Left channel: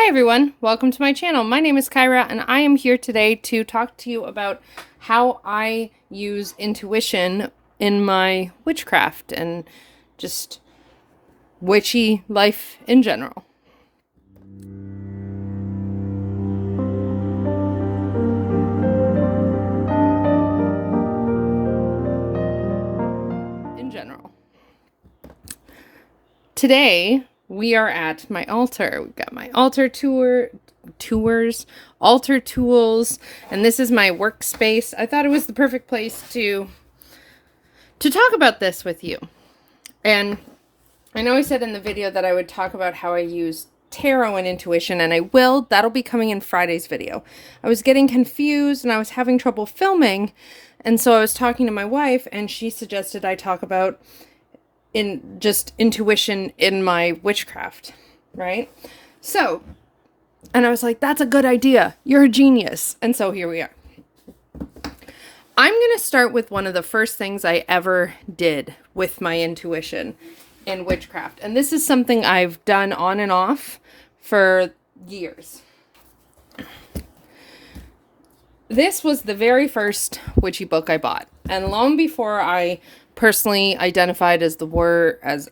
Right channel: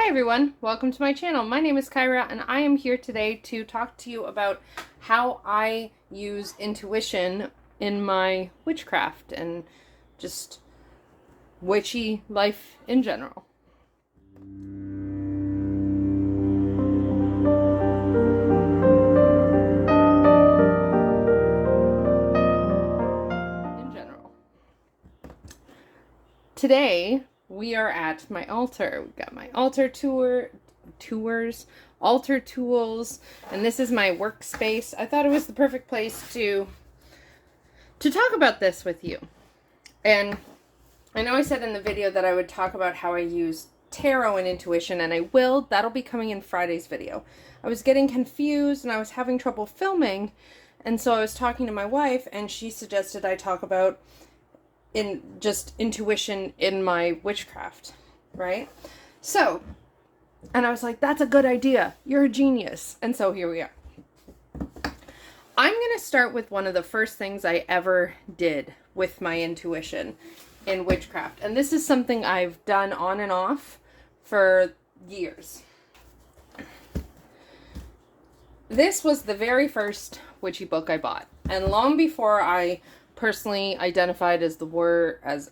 Hi everyone, welcome to my channel. My name is Kyra and I am here today to talk to you about how I use intuition in my witchcraft and just witchy life in general. Today we are at my altar. We've got my altar altar tools, and this is my workspace. I thought it was the perfect place to talk about this with you. And I know I said in the video that I would talk about how I use tarot and intuition, and I will. That'll be coming in Friday's video. I was getting confused and I was having trouble filming, and so I was talking to my wife and she suggested I talk about just intuition in my witchcraft, right? So, and I was like, that's a good idea. You're a genius. And so here we are. I'm going to start with one of the first things I ever did with my intuition in witchcraft. And this is something I've done on and off for years. This was the very first witchy book I bought. And long before I personally identified as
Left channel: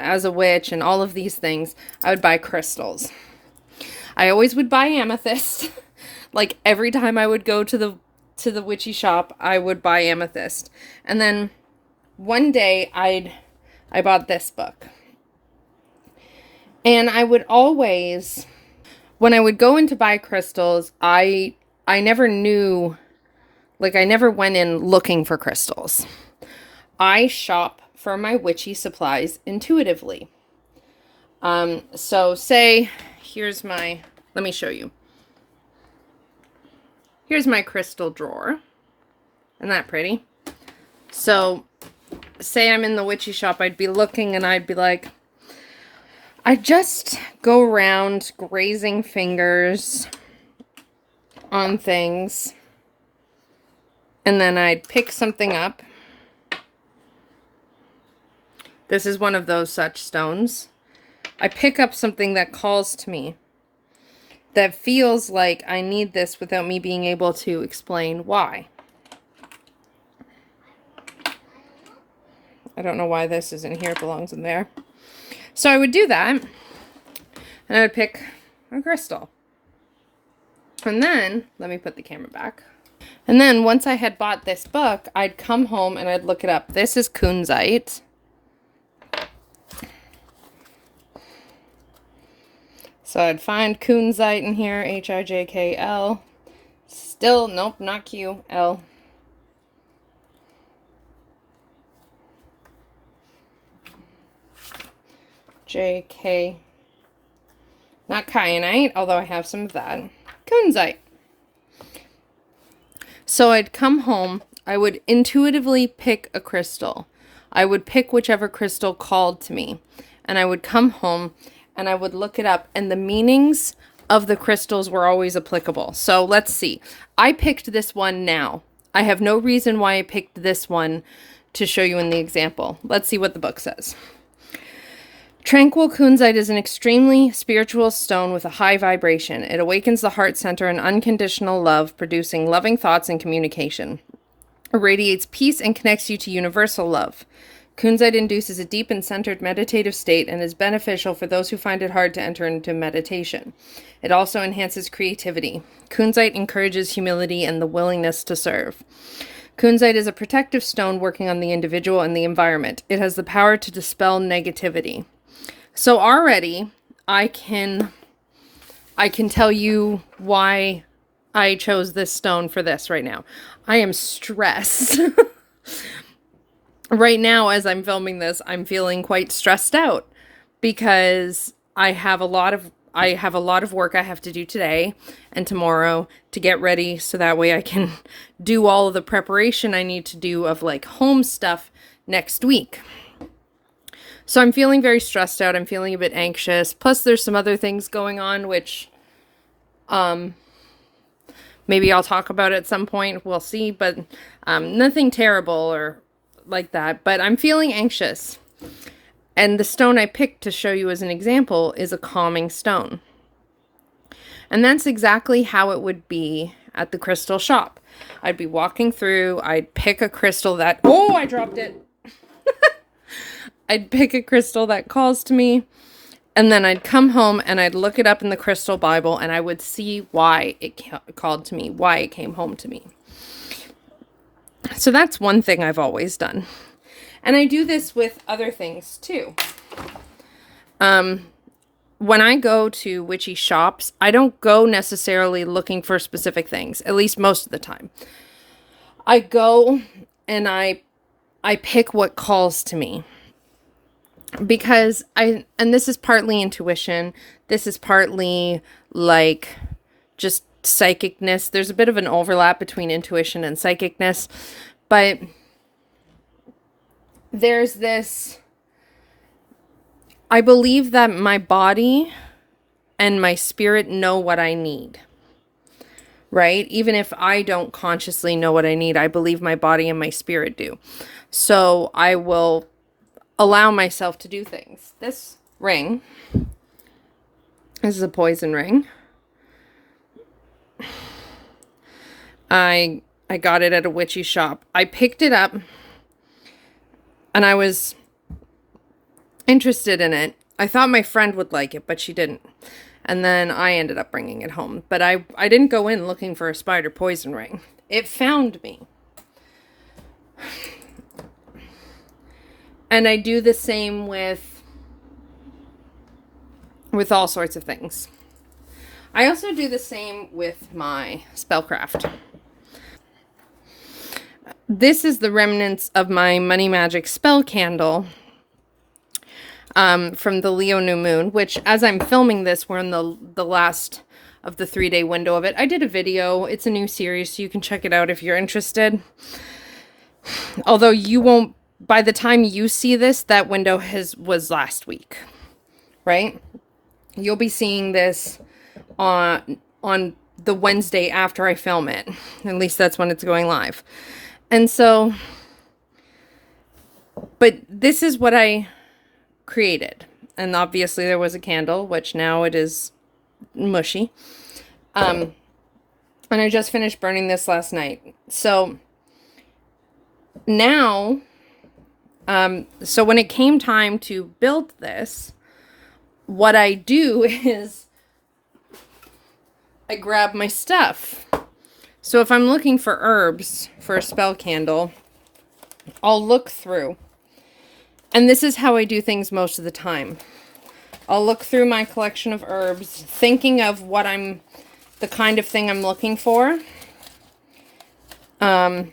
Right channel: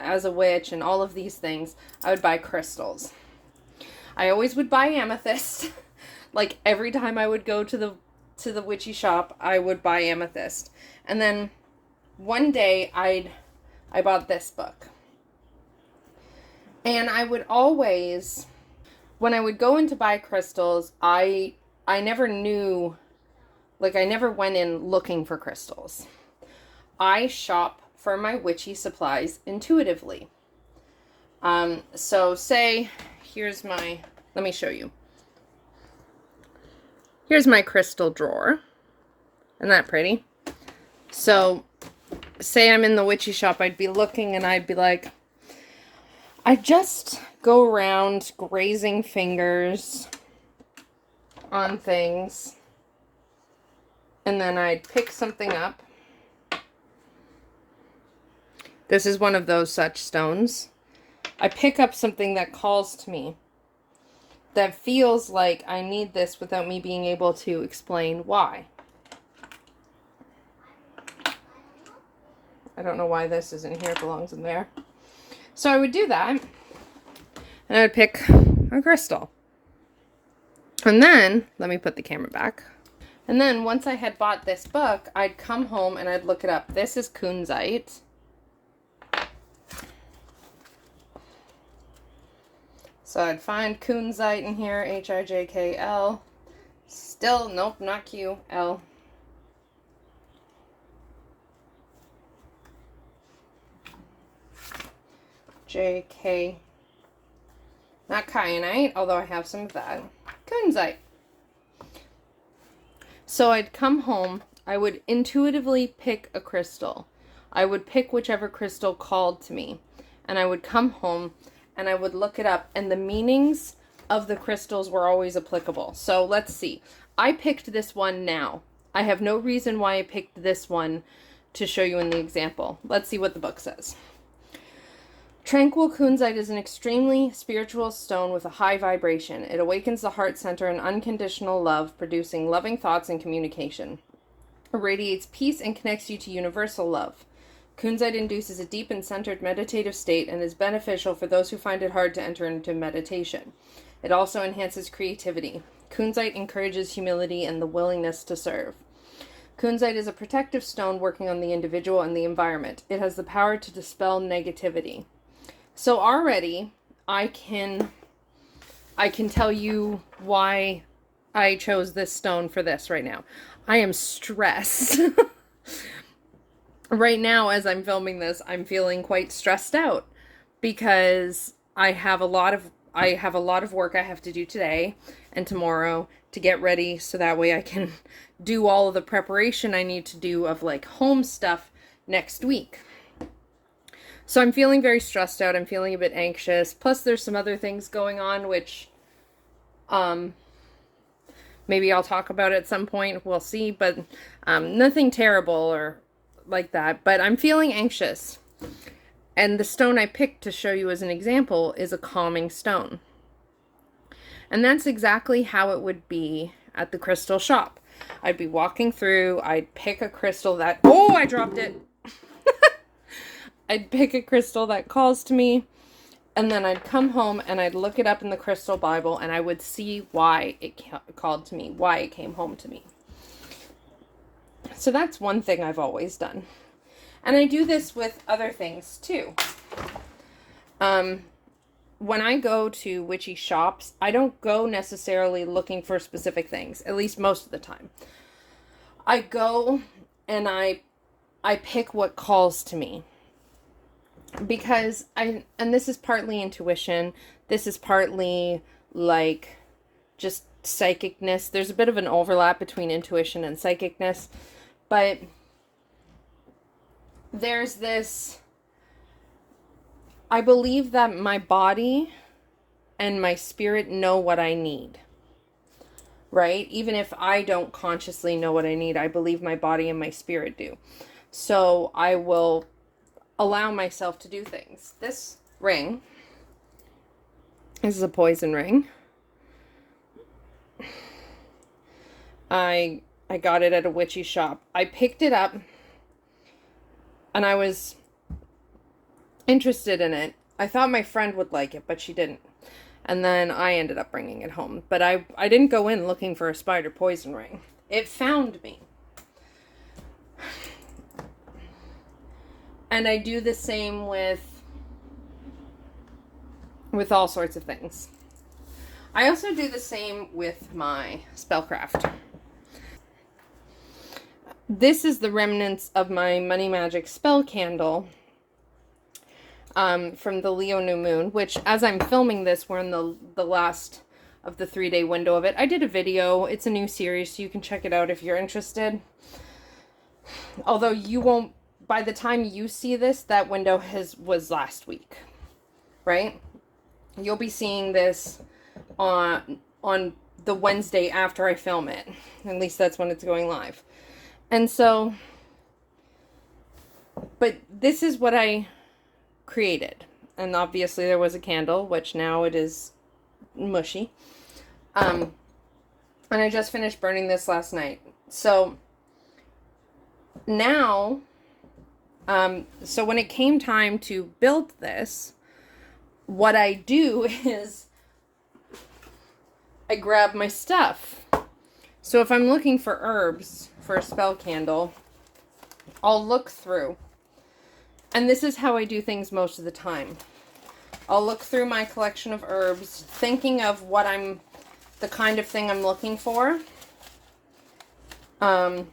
as a witch and all of these things, I would buy crystals. I always would buy amethyst. Like every time I would go to the witchy shop, I would buy amethyst. And then one day I bought this book. And I would always, when I would go in to buy crystals, I never knew, like I never went in looking for crystals. I shop for my witchy supplies intuitively. So say, here's my, let me show you. Here's my crystal drawer. Isn't that pretty? So say I'm in the witchy shop, I'd be looking and I'd be like, I just go around grazing fingers on things. And then I'd pick something up. This is one of those such stones. I pick up something that calls to me, that feels like I need this without me being able to explain why. I don't know why this is in here, it belongs in there. So I would do that, and I would pick a crystal. And then, let me put the camera back. And then once I had bought this book, I'd come home and I'd look it up. This is kunzite. So I'd find kunzite in here, H-I-J-K-L. Still, nope, not Q, L. J-K. Not kyanite, although I have some of that. Kunzite. So I'd come home, I would intuitively pick a crystal. I would pick whichever crystal called to me. And I would come home and I would look it up, and the meanings of the crystals were always applicable. So let's see. I picked this one now. I have no reason why I picked this one to show you in the example. Let's see what the book says. Tranquil kunzite is an extremely spiritual stone with a high vibration. It awakens the heart center and unconditional love, producing loving thoughts and communication. It radiates peace and connects you to universal love. Kunzite induces a deep and centered meditative state and is beneficial for those who find it hard to enter into meditation. It also enhances creativity. Kunzite encourages humility and the willingness to serve. Kunzite is a protective stone working on the individual and the environment. It has the power to dispel negativity. So already I can tell you why I chose this stone for this right now. I am stressed. Right now, as I'm filming this, I'm feeling quite stressed out because I have a lot of work I have to do today and tomorrow to get ready so that way I can do all of the preparation I need to do of like home stuff next week. So I'm feeling very stressed out. I'm feeling a bit anxious. Plus there's some other things going on which maybe I'll talk about at some point. We'll see, but nothing terrible or like that, but I'm feeling anxious. And the stone I picked to show you as an example is a calming stone. And that's exactly how it would be at the crystal shop. I'd be walking through, I'd pick a crystal that, oh, I dropped it. I'd pick a crystal that calls to me, and then I'd come home and I'd look it up in the crystal Bible, and I would see why it called to me, why it came home to me. So that's one thing I've always done. And I do this with other things too. When I go to witchy shops, I don't go necessarily looking for specific things, at least most of the time. I go and I pick what calls to me. Because and this is partly intuition, this is partly like just psychicness. There's a bit of an overlap between intuition and psychicness, but there's this, I believe that my body and my spirit know what I need, right? Even if I don't consciously know what I need, I believe my body and my spirit do. So I will allow myself to do things. This ring, this is a poison ring. I got it at a witchy shop. I picked it up and I was interested in it. I thought my friend would like it, but she didn't. And then I ended up bringing it home. But I didn't go in looking for a spider poison ring. It found me. And I do the same with all sorts of things. I also do the same with my Spellcraft. This is the remnants of my Money Magic spell candle from the Leo new moon, which as I'm filming this, we're in the last of the 3-day window of it. I did a video. It's a new series, so you can check it out if you're interested. Although you won't, by the time you see this, that window was last week, right? You'll be seeing this on the Wednesday after I film it. At least that's when it's going live. And so, but this is what I created. And obviously there was a candle, which now it is mushy. And I just finished burning this last night. So now, so when it came time to build this, what I do is I grab my stuff. So if I'm looking for herbs for a spell candle, I'll look through. And this is how I do things most of the time. I'll look through my collection of herbs, thinking of what the kind of thing I'm looking for. And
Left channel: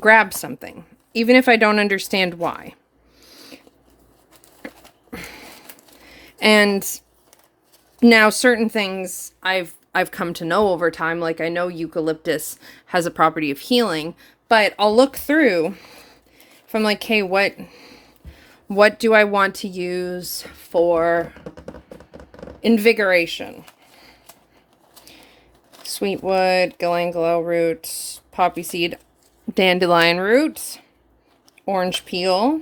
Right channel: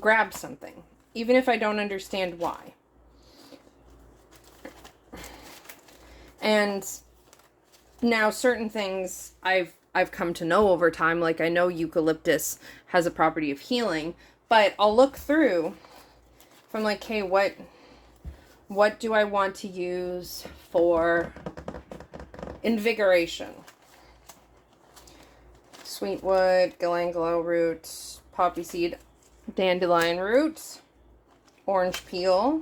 grab something, even if I don't understand why. And now certain things I've come to know over time, like I know eucalyptus has a property of healing, but I'll look through if I'm like, hey, what do I want to use for invigoration? Sweetwood, galangal root, poppy seed, dandelion root, orange peel,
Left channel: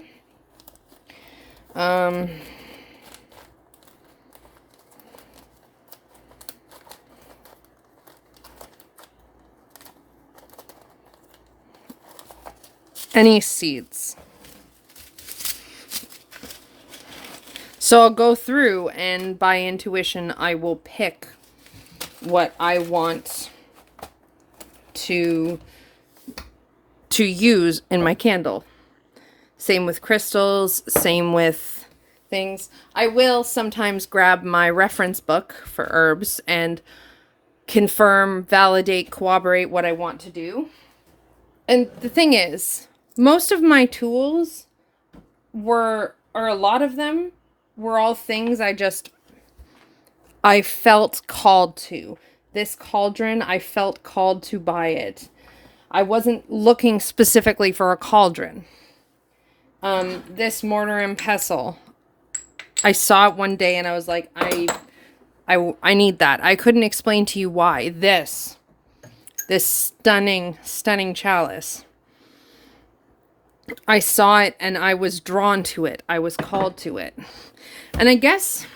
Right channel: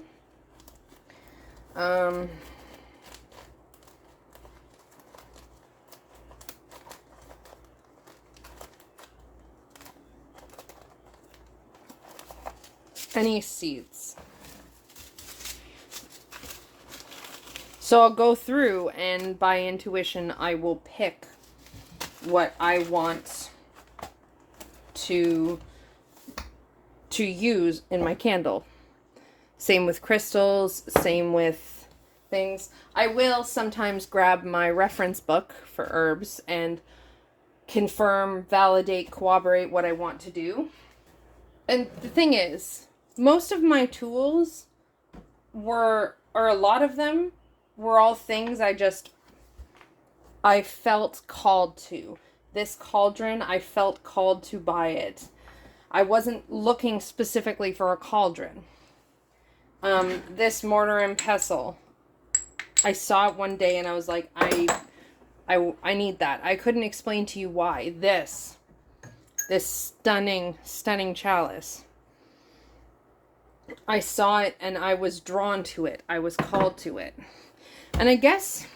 any seeds. So I'll go through and by intuition I will pick what I want to use in my candle. Same with crystals, same with things. I will sometimes grab my reference book for herbs and confirm, validate, corroborate what I want to do. And the thing is, most of my tools or a lot of them were all things I felt called to. This cauldron, I felt called to buy it. I wasn't looking specifically for a cauldron. This mortar and pestle, I saw it one day and I was like, I need that. I couldn't explain to you why. This stunning chalice. I saw it and I was drawn to it. I was called to it. And I guess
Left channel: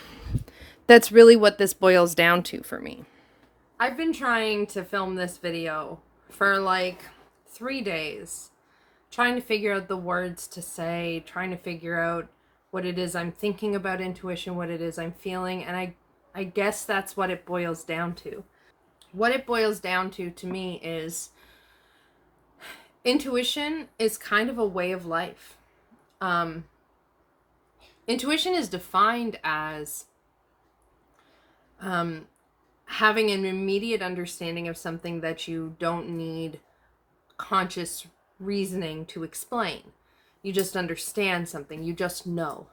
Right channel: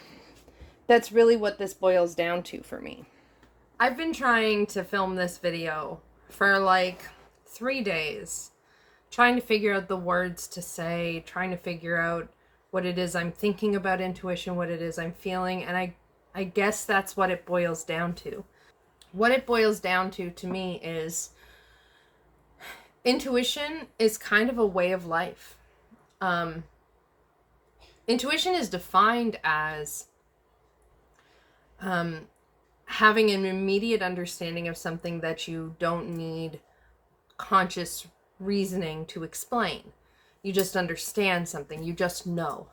That's really what this boils down to for me. I've been trying to film this video for like 3 days, trying to figure out the words to say, trying to figure out what it is I'm thinking about intuition, what it is I'm feeling, and I guess that's what it boils down to. What it boils down to me is intuition is kind of a way of life. Intuition is defined as having an immediate understanding of something that you don't need conscious reasoning to explain. You just understand something, you just know.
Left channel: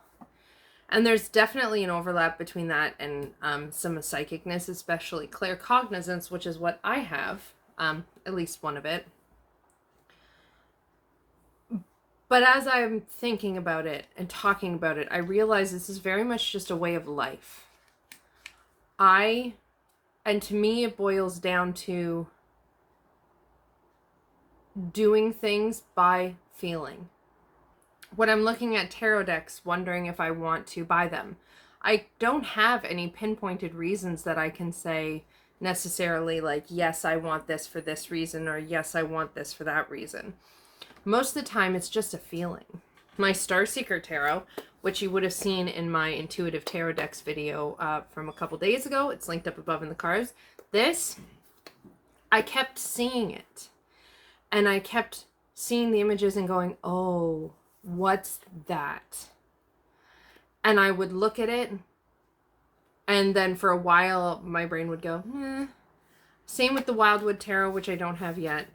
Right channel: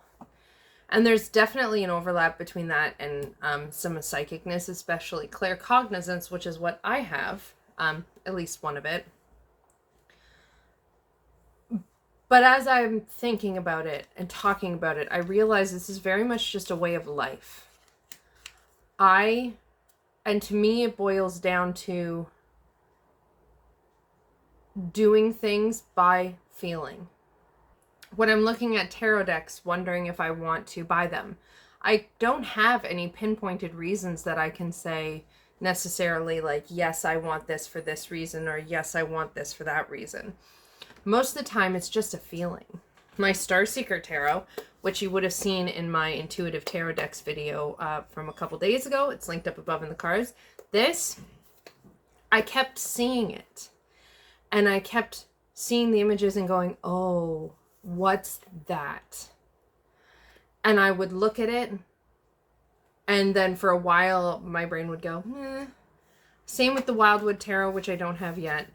And there's definitely an overlap between that and some psychicness, especially claircognizance, which is what I have, at least one of it. But as I'm thinking about it and talking about it, I realize this is very much just a way of life. And to me, it boils down to doing things by feeling. When I'm looking at tarot decks, wondering if I want to buy them, I don't have any pinpointed reasons that I can say necessarily like, yes, I want this for this reason, or yes, I want this for that reason. Most of the time, it's just a feeling. My Starseeker Tarot, which you would have seen in my Intuitive Tarot Decks video from a couple days ago. It's linked up above in the cards. This, I kept seeing it. And I kept seeing the images and going, oh, what's that? And I would look at it. And then for a while, my brain would go, eh. Same with the Wildwood Tarot, which I don't have yet.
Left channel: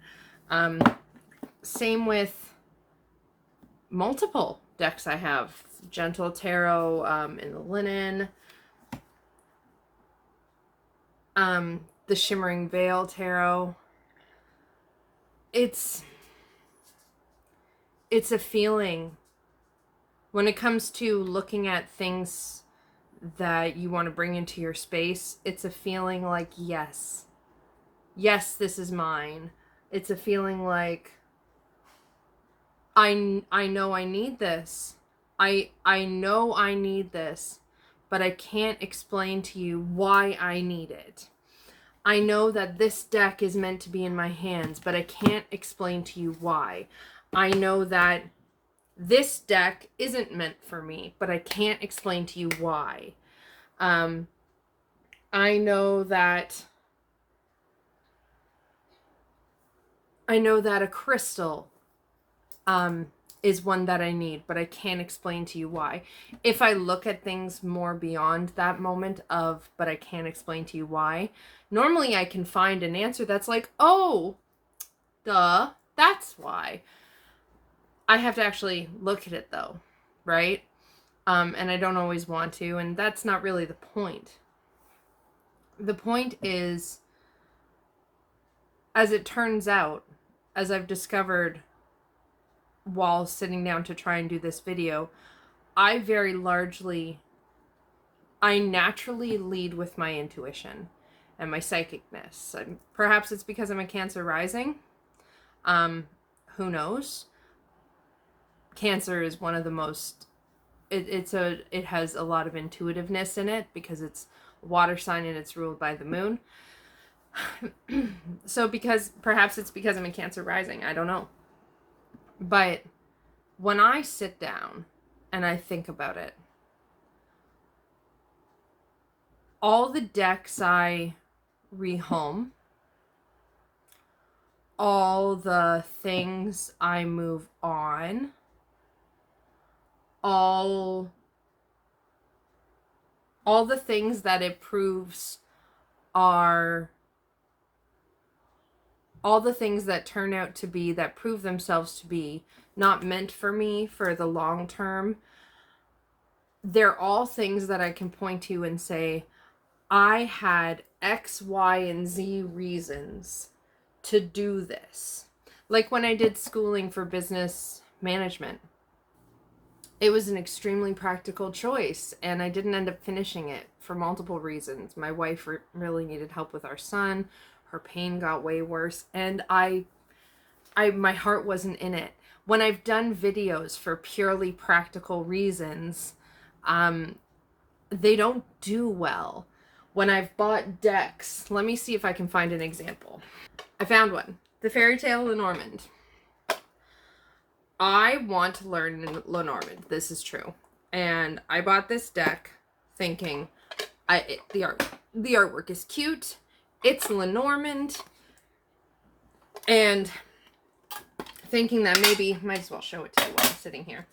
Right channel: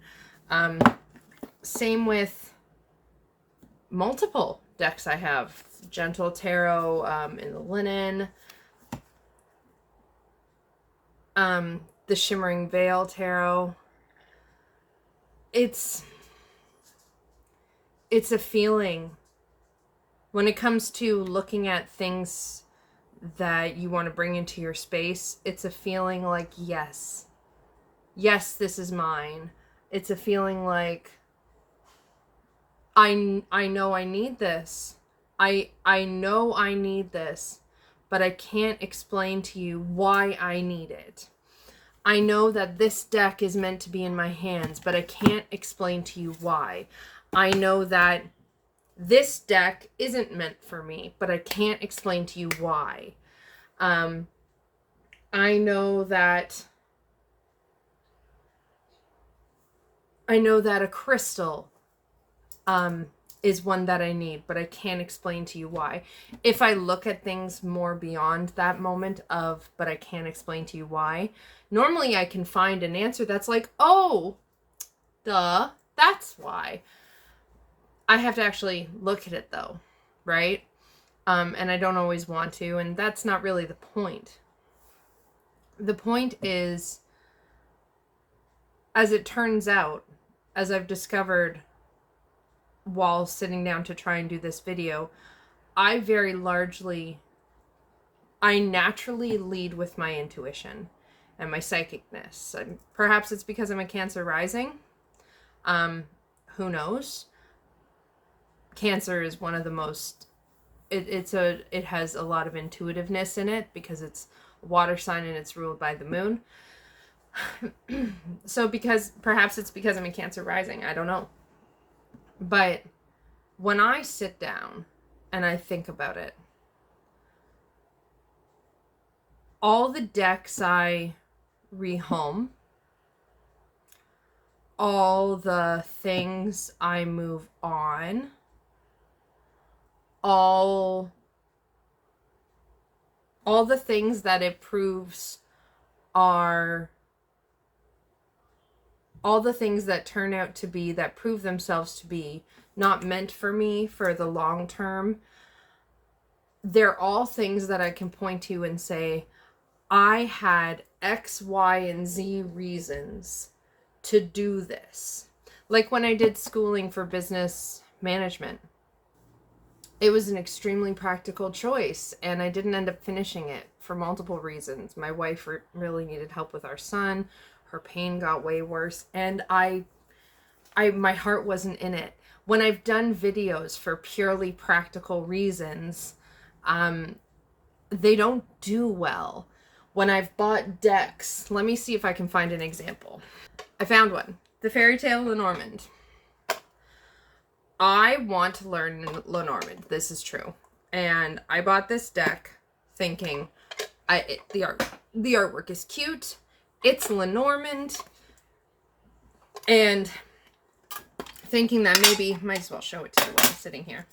Same with multiple decks I have. Gentle Tarot in the linen. The Shimmering Veil Tarot. It's a feeling. When it comes to looking at things that you want to bring into your space, it's a feeling like, yes. Yes, this is mine. It's a feeling like, I know I need this. I know I need this, but I can't explain to you why I need it. I know that this deck is meant to be in my hands, but I can't explain to you why. I know that this deck isn't meant for me, but I can't explain to you why. I know that a crystal is one that I need, but I can't explain to you why. If I look at things more beyond that moment of, but I can't explain to you why, normally I can find an answer that's like, oh, duh, that's why. I have to actually look at it though, right? And I don't always want to, and that's not really the point. The point is, as it turns out, as I've discovered while sitting down to try and do this video, I naturally lead with my intuition and my psychicness. And perhaps it's because I'm a Cancer rising. Who knows? Cancer is one of the most, it has a lot of intuitiveness in it because it's a water sign and it's ruled by the moon. So perhaps it's because I'm a Cancer rising, I don't know. But when I sit down and I think about it, all the decks I rehome, all the things I move on, all the things that it proves are, all the things that turn out to be, that prove themselves to be not meant for me for the long term, they're all things that I can point to and say, I had X, Y, and Z reasons to do this. Like when I did schooling for business management, it was an extremely practical choice, and I didn't end up finishing it for multiple reasons. My wife really needed help with our son. Her pain got way worse, and my heart wasn't in it. When I've done videos for purely practical reasons, they don't do well. When I've bought decks, let me see if I can find an example. I found one. The Fairy Tale Lenormand. I want to learn Lenormand. This is true. And I bought this deck thinking the artwork is cute. It's Lenormand. And thinking that maybe, might as well show it to you while I'm sitting here.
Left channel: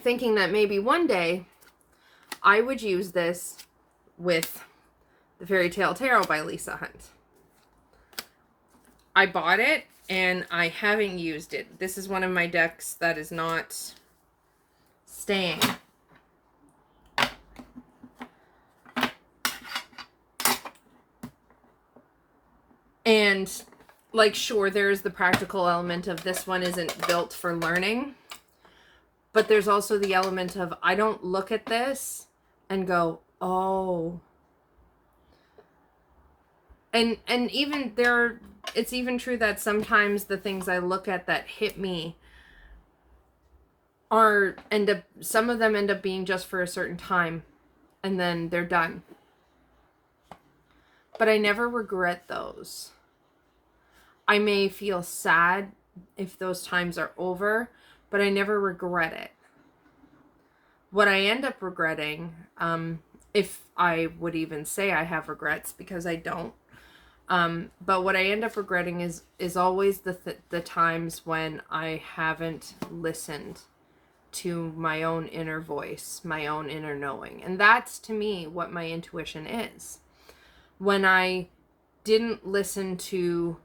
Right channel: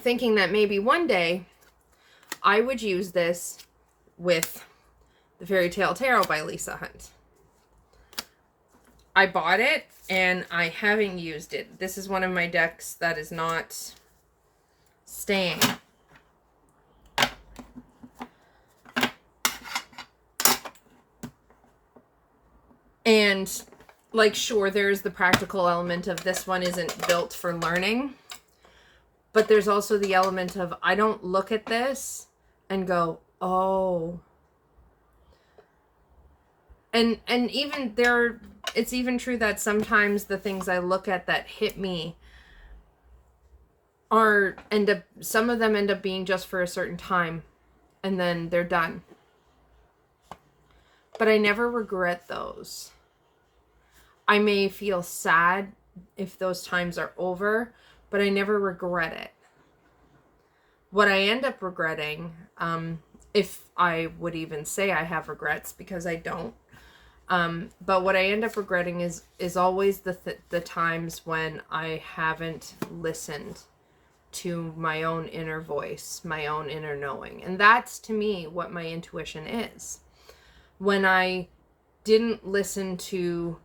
Thinking that maybe one day I would use this with the Fairy Tale Tarot by Lisa Hunt. I bought it and I haven't used it. This is one of my decks that is not staying. And like, sure, there's the practical element of this one isn't built for learning, but there's also the element of I don't look at this and go, oh. And even there, it's even true that sometimes the things I look at that hit me some of them end up being just for a certain time and then they're done. But I never regret those. I may feel sad if those times are over, but I never regret it. What I end up regretting, if I would even say I have regrets, because I don't, but what I end up regretting is always the times when I haven't listened to my own inner voice, my own inner knowing. And that's, to me, what my intuition is. When I didn't listen to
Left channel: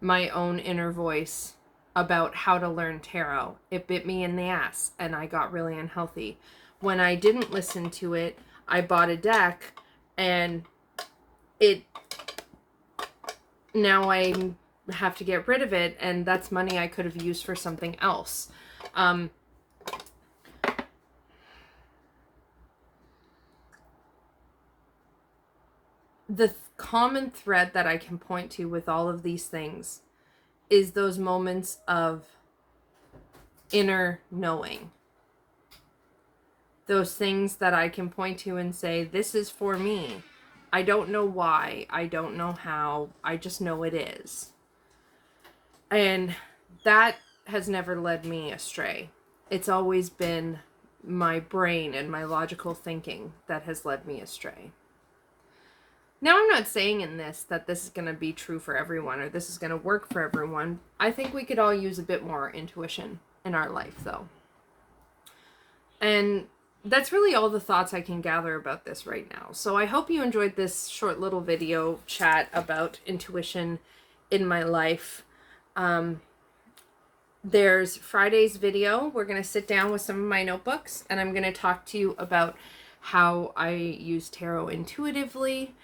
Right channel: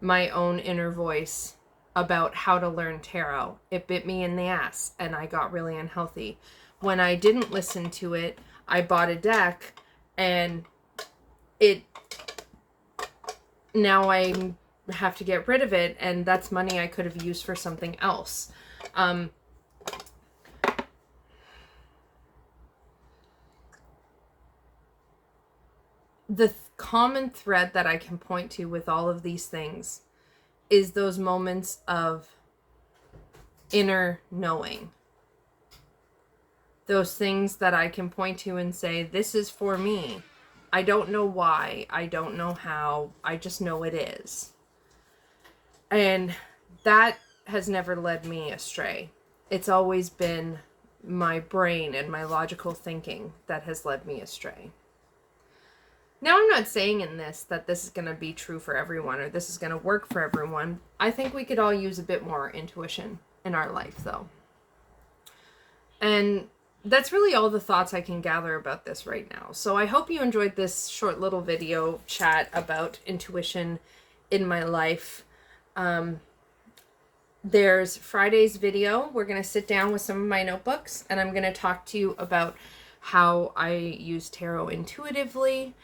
my own inner voice about how to learn tarot, it bit me in the ass and I got really unhealthy. When I didn't listen to it, I bought a deck and now I have to get rid of it, and that's money I could have used for something else. The common thread that I can point to with all of these things is those moments of inner knowing. Those things that I can point to and say, this is for me. I don't know why. I don't know how. I just know it is. And that has never led me astray. It's always been my brain and my logical thinking that has led me astray. Now, I'm not saying in this that this is going to be true for everyone or this is going to work for everyone. I think we could all use a bit more intuition in our life, though. And that's really all the thoughts I can gather about this right now. So I hope you enjoyed this short little video chat about intuition in my life. There's Friday's video. We're going to sit down with some of my notebooks and I'm going to talk to you about how I use tarot intuitively.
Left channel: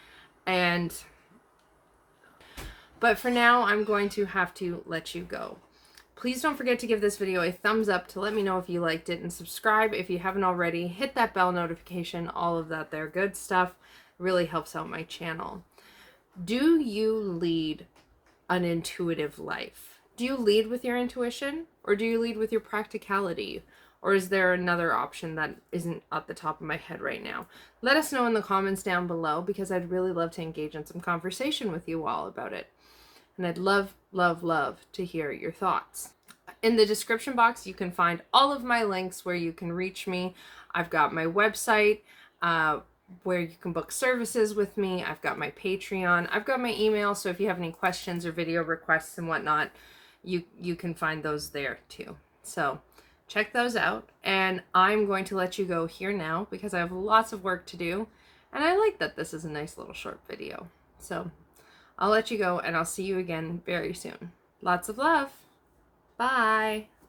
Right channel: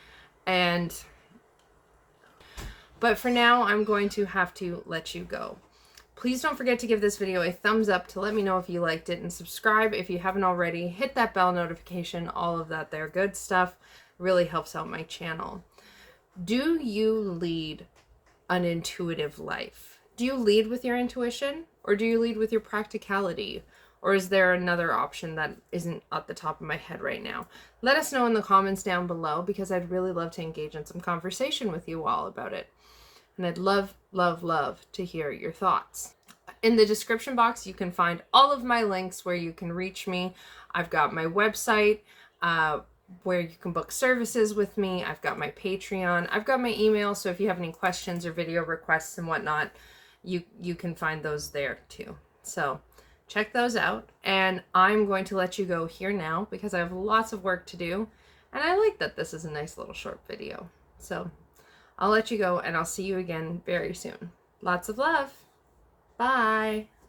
But for now, I'm going to have to let you go. Please don't forget to give this video a thumbs up to let me know if you liked it, and subscribe if you haven't already. Hit that bell notification, all of that there good stuff. It really helps out my channel. Do you lead an intuitive life? Do you lead with your intuition, or do you lead with your practicality? Or is there another option that isn't at the top of my head right now? Let us know in the comments down below, because I'd really love to engage in some conversation with you all about it. And I'd love, love, love to hear your thoughts. In the description box, you can find all of my links where you can reach me. I've got my website where you can book services with me. I've got my Patreon. I've got my email, so if you have any questions or video requests and whatnot, you can find those there too. So check those out. And I'm going to let you go here now because I have lots of work to do. And I like that this is a nice little short video. So I'll let you go and I'll see you again very soon. Lots of love. Bye.